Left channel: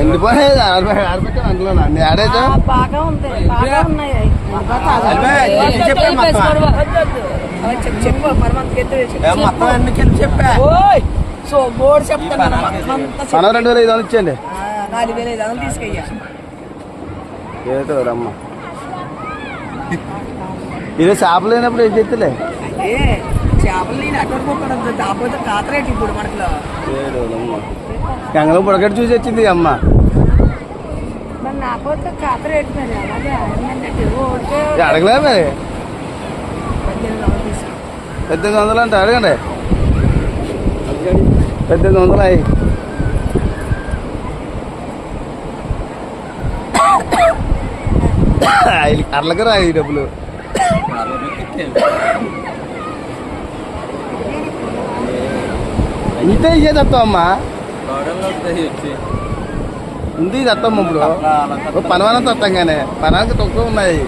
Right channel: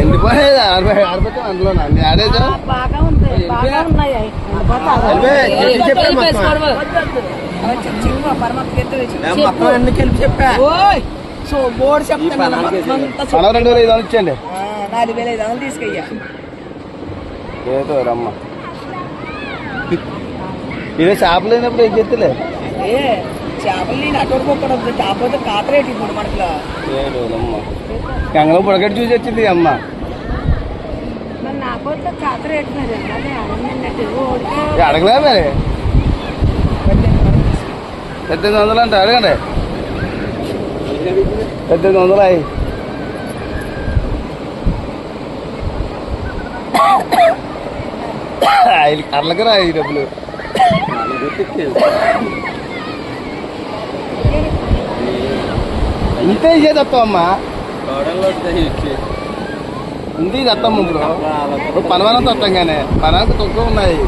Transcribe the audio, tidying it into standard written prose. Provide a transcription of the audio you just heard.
ఎండిపోయేది ఆడిపోతే అందులో ఆడేదా బాగా ఉంటాయి మొత్తం ఎందుకని చెప్పా సో బోర్డు చెప్తాను 2,500 ఇచ్చేయండి 4,500 తీసుకెయ్యా ఏదో రమ్మ ఇక చేపలు లేనప్పుడు ఏం చెప్తలే చేపలు నేను అట్టుకోకూడదు కాకపోతే కాతరేటి ఇప్పుడు మనకు అమ్మ కంగళం పొడగట్టు చూసి వచ్చింది అమ్మ అడగలే మరి 1,800 అంటే అడగండి 1,800 అయ్యి అర్లకి రాయి డబ్బులు ఇంతే ఇచ్చేది వస్తామమ్మా ఇంటికి వస్తాము ఇప్పుడు పనివాళ్ళంతా వస్తాం కానీ పనానికి తక్కువ ఉన్నాయి